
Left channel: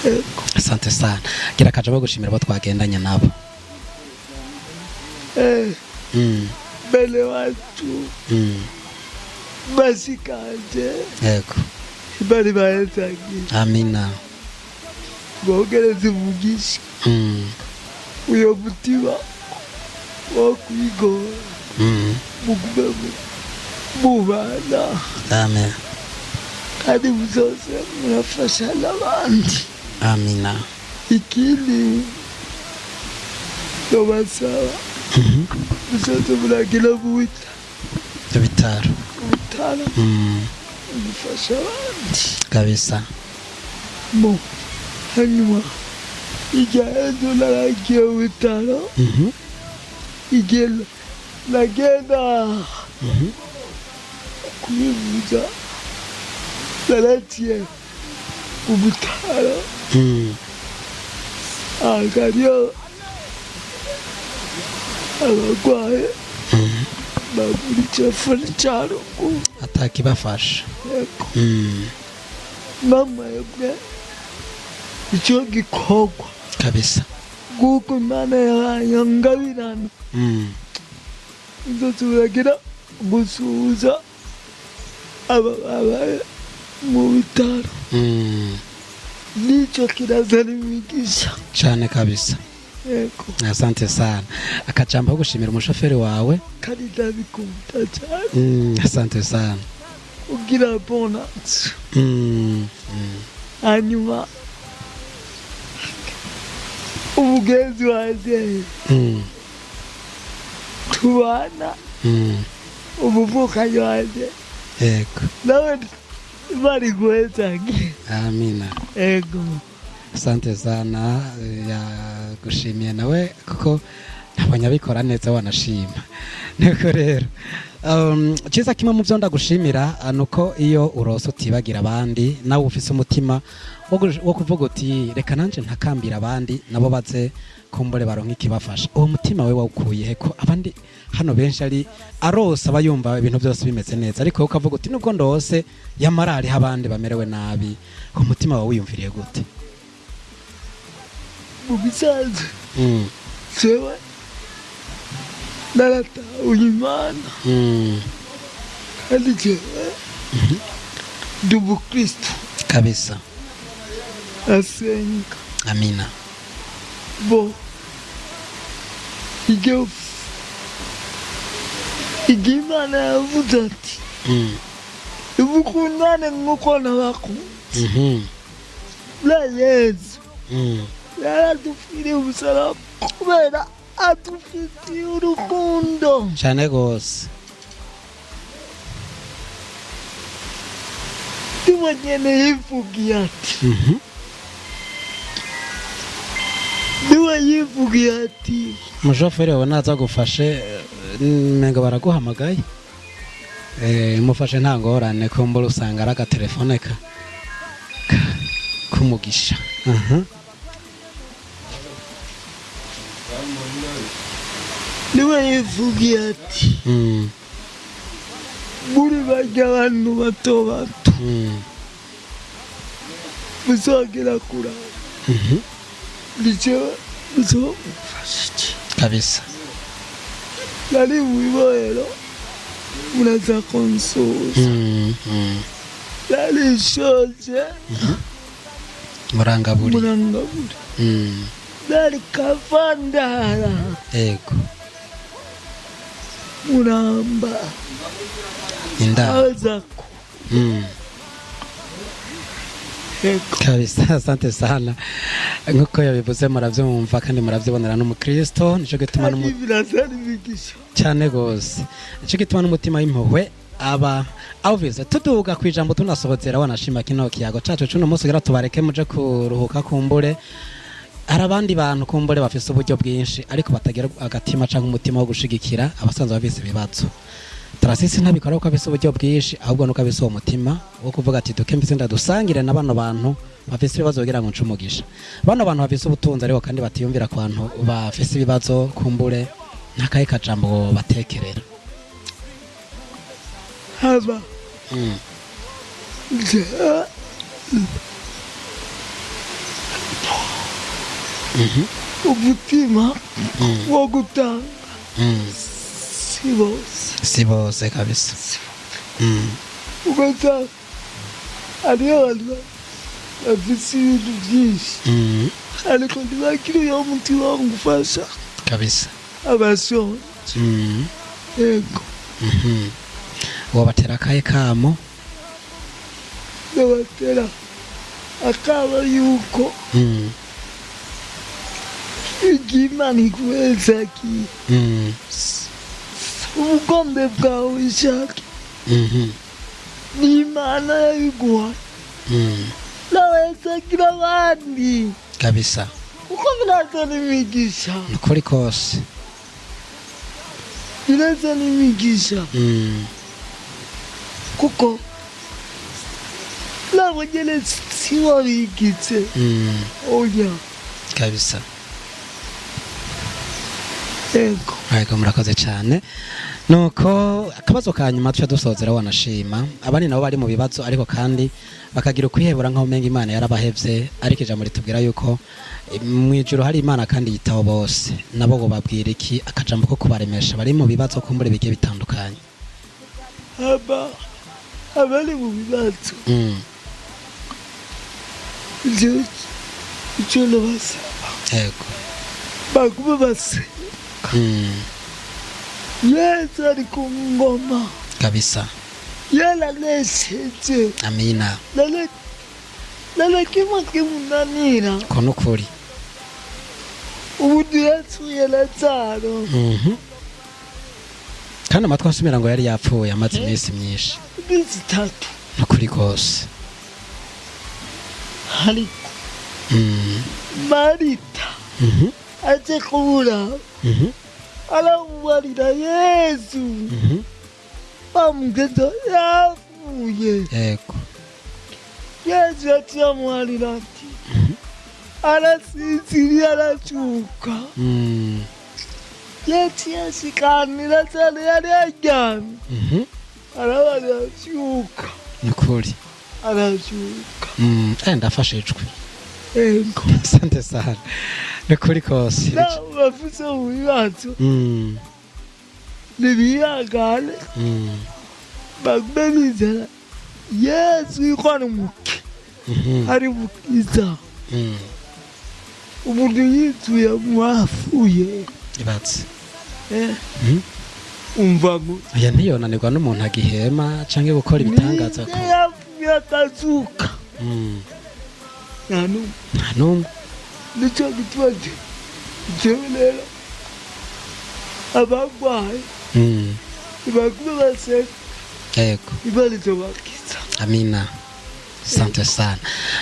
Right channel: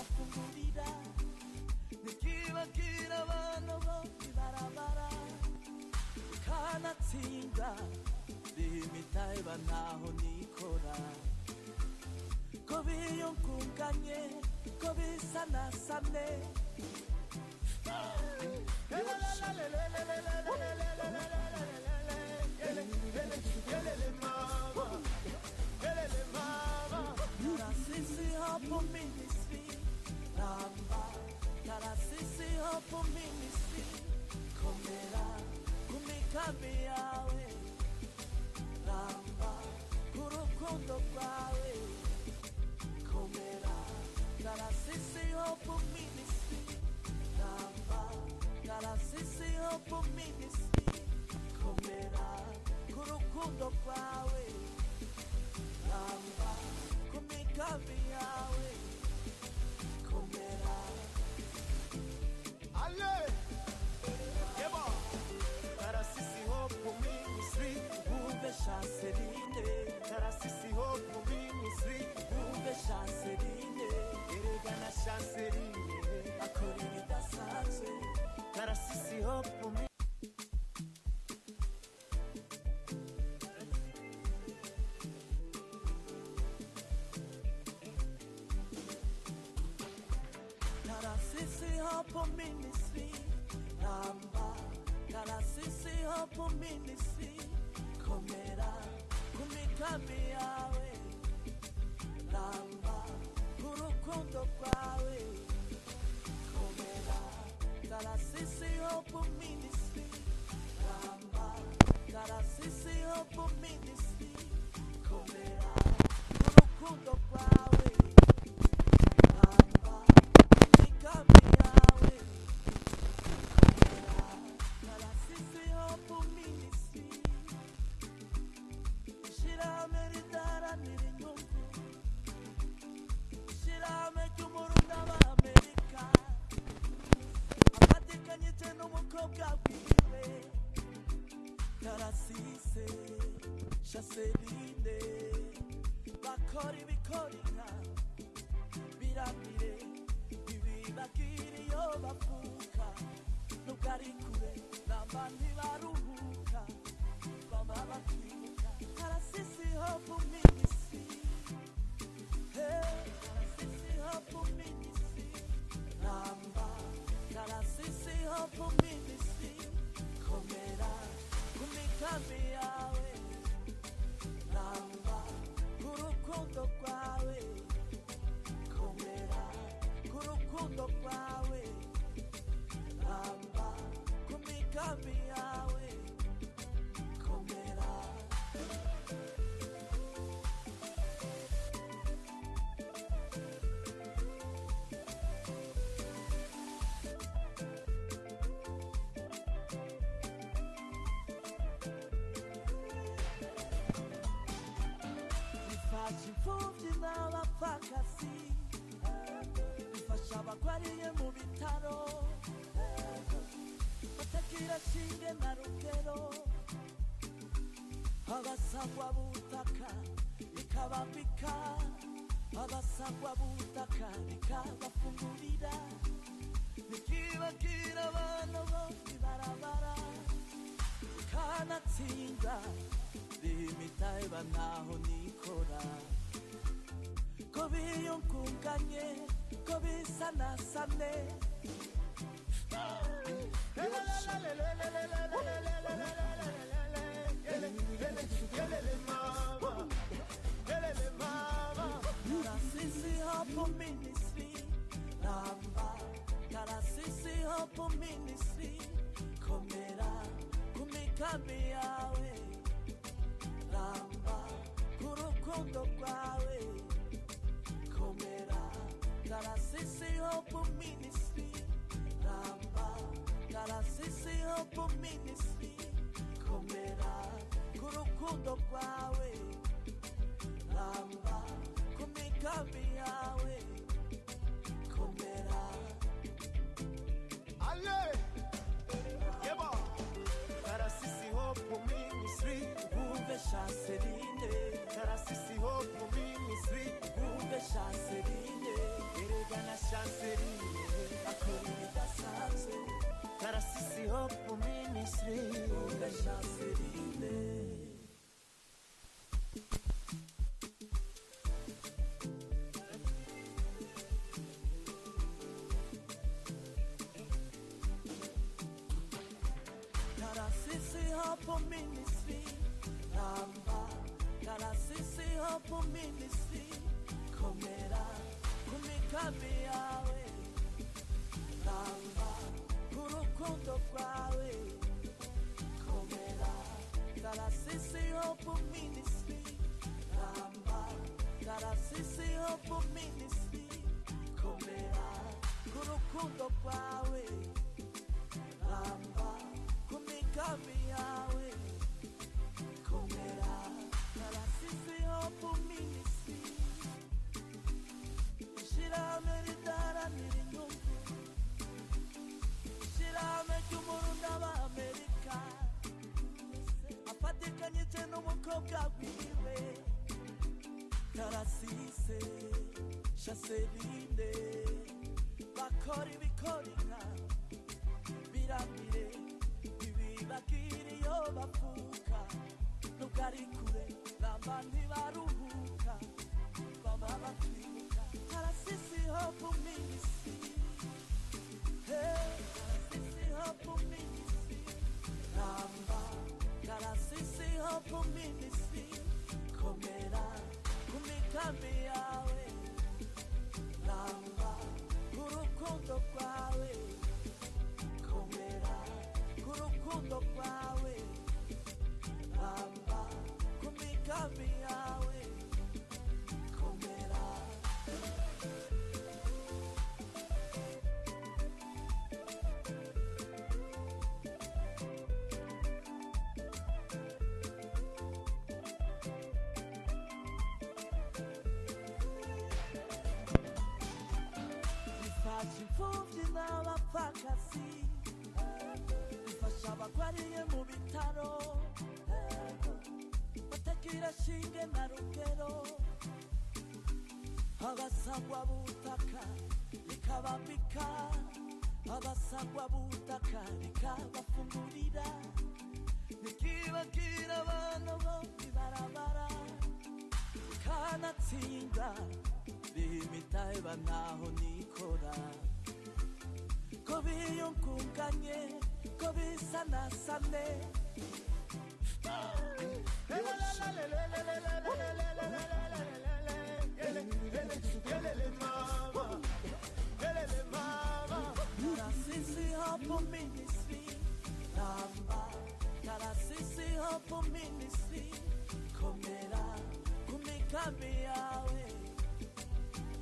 ego Asante sana. Gira akajambo gushimira abo twagendanye nabo. mbele wacu bashikanje Ego. bari bahezagiye Amina. bogereze umugisha uyo mutima wo kwigora mugume mubana Amen. kandi muzoze murafasha n'abandi. Amina. Ikindi nobasaba muzoze muragira mu Ibitaro. bitaro mufasha abandi Kabisa. mo hanyuma igihe ejo naragiye mu bitaro igihe nagenda kwivuza naragiye mu bitaro hariyo abarwayi bagura icefoni cya ruguru Atakibafasha. namwebwe icyo gikorwa Kabisa. kuko imana yahaye ngabirana inzozi uragira gusuhuza ababaye mu bitaro nicyo kirazana imigisha Cyane kabisa. yego Asante sana. Akajambo ko gushimira umushoferi wawe. kandi ndabikunda cyane Asante sana. ugira bonus hanyuma umugenzi wanjye tubana umuvukanyi wanjye Ego. nawe bari guhezange Amina. ego Asante sana. Yagushimiye nawe kuko nabonye abikora neza wanashima. Niko rero Ciza kimwe mu byo ndagushimira nuko iyo urose utibagira abandi nawe ufise umutima wo kuvuga uti reka nanje ntakambira abandi nabo baze kumbure baronka ikibafasha. Uwo mutima we wawukuye ko abandi hano benshi ari arose abayumva ibintu byose bimeze neza, ariko ukavuga uti nubwo ndose yamarari abandi bamerewe nabi, uwo mutima wawe wiyumviriye gute? Ubisanzwe sewe narata uyimana kandi jewe dubu Kristo kabisa. asenga. Amina. Bo igimana yavuze ati ubukundane nk'uko nabakunze. La Yesu yaradupfiriye umusaraba kubera adufitiye urukundo cyane gose. niwe nyene yivugiye ati niwe yivugiye ati umushoferi wawe naza gufashe menga baraguhamagaye mufashe nta ngorane ko mbura usanga ari agatelefone kumugisha. niwe yivugiye ati muri barya abantu bato bato muzogera kuraba ndicewe muzomufasha iki kabisa. nari mwibohero muraza konsuza narishoje murangaburi nari kavandara yego muramba indaro azako kabisa. Asante sana nkuko yabivuze muravyumva kandi muravyibonera n'umukristo, nico gituma cyane gose, nico gituma n'umutima w'impuhwe aba avuze tuduga kwijambo tunasobozera wanashima kino kiyago cacu cuno munsi gira tubareke muje kuruhuka kumbure. Hari abandi bantu kumbure bafise uburyo bwinshi ariko batagira agatima canke umutima wo gushigikira abasanzwe bafise ibibazo. Tarasisi ntabikora ko abise uburyo bwinshi ahubwo nuko abise uwo mutima wo kuvuga ati duke mbise ndadusangire na bano bantu bafise ibibazo kugira ngo ncumugisha. Bano bantu bafise ubutunzi ariko kandi batiyumvira ku bantu bafise ibibazo kumbure ntakaye kajambo batekerera. haba umutima wo gutanga si bose kabisa. ugasanga hariho abantu bafise ibintu byinshi ariko ntibakiri uyo mutima wo gufasha kabisa abashonje. yego wobatera akahe kamo? yobatera akaba yuko igimana ikuwezakiye ubugombe bwawe ishake n'imana yabiguha nawezagira abandi kabisa uko biraza n'imigisha nukuri kose biraza n'imigisha kuko nabo nyene siwabigitse oya kabisa. yego murakoze cyane. Nuko akabazo ka nyuma tuca dusozera wanashima abandi nabo bari mu bibazo ariko kandi bakagira ukwihebura nkaho umenga Imana yarabahevye, ariko ijambo ritubwira yuko mwijuru hari Imana kandi yitaho bose. Nabo bo babwira iki akajambo ko kubaremesha bari mu bibazo kumbure bigiye bitandukanye? abari mu bibazo icyo nabasaba yego bagume basenga. Yesu ari ku ngoma kabisa. yaranesheje. Amina. nana kimwe kimunanira ko nukuri ubu yasuye Lazaro kandi amatwi asumira ngo yari yapfuye amaze iminsi myinshi iminsi 3 nukuri kose. ariko Marita aje kubura aramubarira Yesu wa mtoto yapfuye yego yesu yaciye amuharira ati arasinziriye aracuka yaciye ashikanira cyane yari yaryamye arabaza aracuka ni ukuri aracuka ndafashijwe yego asante sana ni ukuri kose nawe bafise ibibazo nibihangane bagume bizera yesu yuko ari muke ari mukiza umuntu yituye mwapfuye ibatse umva ngo aya ntiyonanirwa n'umuntu agihema canke gukora ibitangaza ko yapfuye atazuka nta n'umwe nicyo gituma jewe rero abagwaye bagume baseka yego imana izobakiza amina sante sana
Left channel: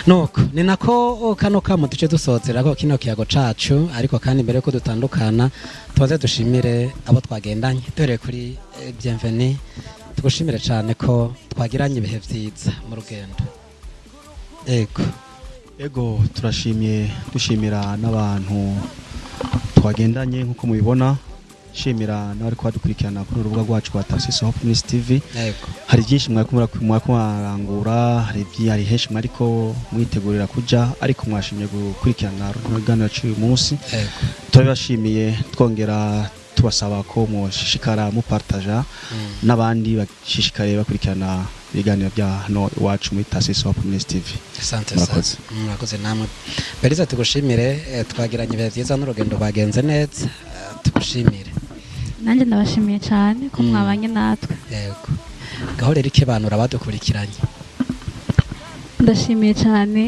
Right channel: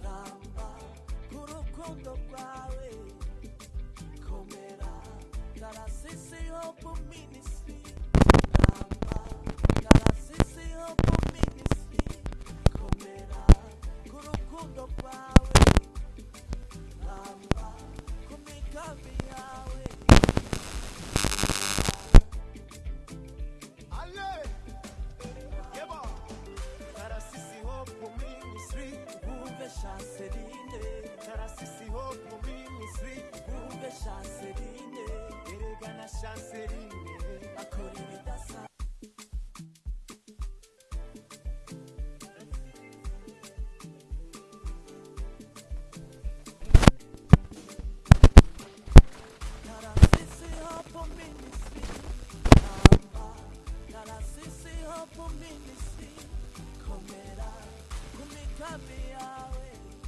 nuko ni nako kano kamo duce dusozerako kino kiyago cacu ariko kandi mbere yuko dutandukana tubaze dushimire abo twagendanye dore kuri Bienvenue tugushimire cyane ko twagiranye ibihe vyiza mu rugendo ego turashimye dushimira n'abantu twagendanye nkuko mubibona shimira n'abari kwadukurikirana kuri urubuga rwacu rwa Tarsis Hope Ministry TV hari byinshi mwakumurangura hari henshi ariko mwitegurira kuja ariko mwashimye gukurikirana urugano cy'uyu munsi turabashimiye twongera tubasaba ko mushishikara mupartaja n'abandi bashishikare bakurikirana ibiganiro bya hano iwacu muri Tarsis Hope Ministry TV. Asante sana murakoze namwe bariza tugushimire twagiranye ibihe byiza n'urugendo bagenze neza tugushimire nanjye ndabashimiye cyane ko mwabanye natwe yego gaho rero ikebanura badukurikiranye ndashimiye cyane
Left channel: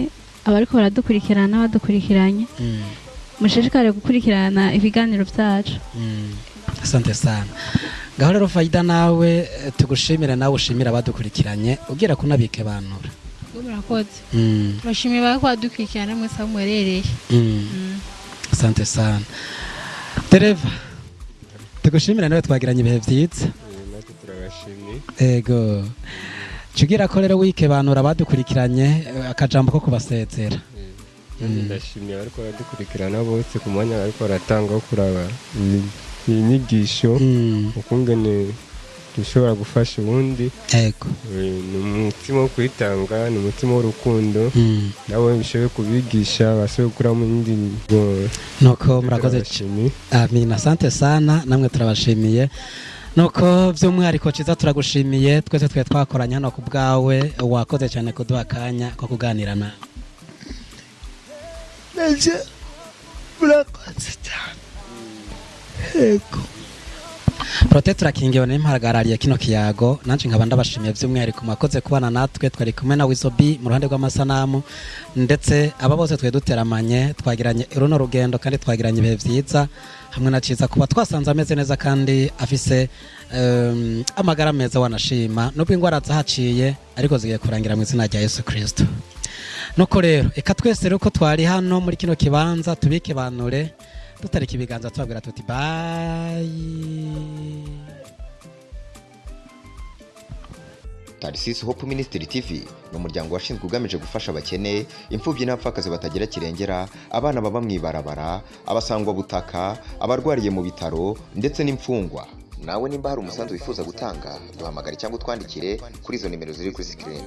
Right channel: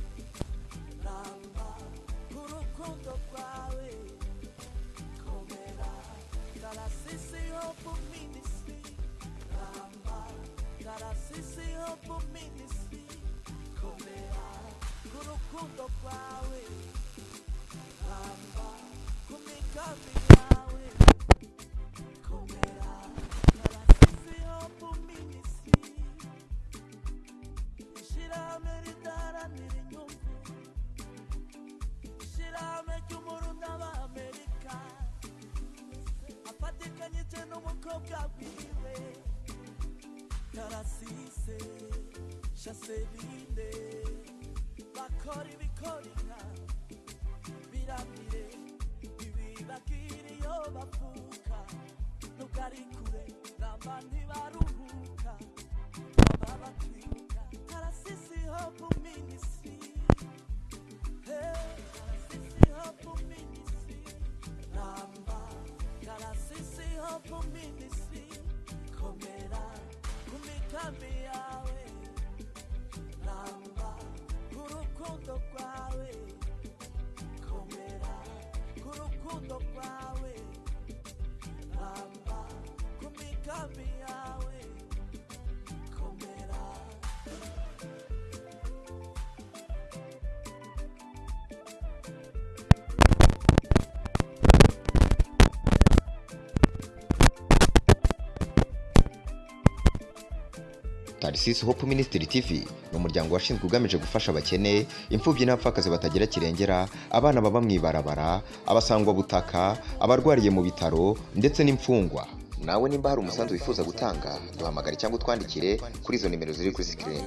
abariko baradukurikirana n'abadukurikiranye mushishikare gukurikirana ibiganiro byacu asante sana gaho rero Faida nawe tugushimire nawe ushimira abadukurikiranye ugira kunabike banura murakoze bashimiye bako badukurikirana mwese aho mwerereye asante sana Tereva tugushimira nawe twagiranye ibihe byiza ego cugira ko rero wike banura abadukurikiranye akajambo ko kubasezera ndashimiye ariko badukurikirana bose ku mwanya ariko baratanga wo kuraba inyigisho ukungene dushobora gufasha ubundi ego ni umutima wo kwitanga ni umutima w'urukundo nabo bishoboye kubigisha bashoboye gukuramo indi nuko murakoze amina asante sana namwe turabashimiye nuko by'umwihariko ciza turagushimiye twese twe twakoranye hano ku bwawe wakoze cyane kuduha akanya ko kuganira nawe nje murakoze cyane yego Protector Kingiyo n'impagarariye kino kiyago nanje nkaba ndabashimiye by'umwihariko mwakoze kubana natwe twari kumwe na Wizobi mu ruhande rw'amasanamu ndetse aba bose twe duteramanye twagiranye runo rugendo kandi twagiranye ibihe byiza hamwe na ciza kuba twasanze ameze neza kandi afise amagara meza wanashima nubwo ingwara zahaciye ariko zigiye kurangira mu izina rya Yesu Kristo nuko rero eka twese rero ko twari hano muri kino kibanza tubike banure tutariki ibiganza twagira tuti bye Tarsis Hope Ministry TV ni umuryango washinzwe ugamije gufasha abakene imfubyi n'abapfakazi batagira kirengera abana baba mwibarabara abasangwa butaka abarwariye mu bitaro ndetse n'imfungwa nawe nimba hari umusanzu wifuza gutanga duhamagare cyangwa twandikire kuri izo nimero ziri kuri screen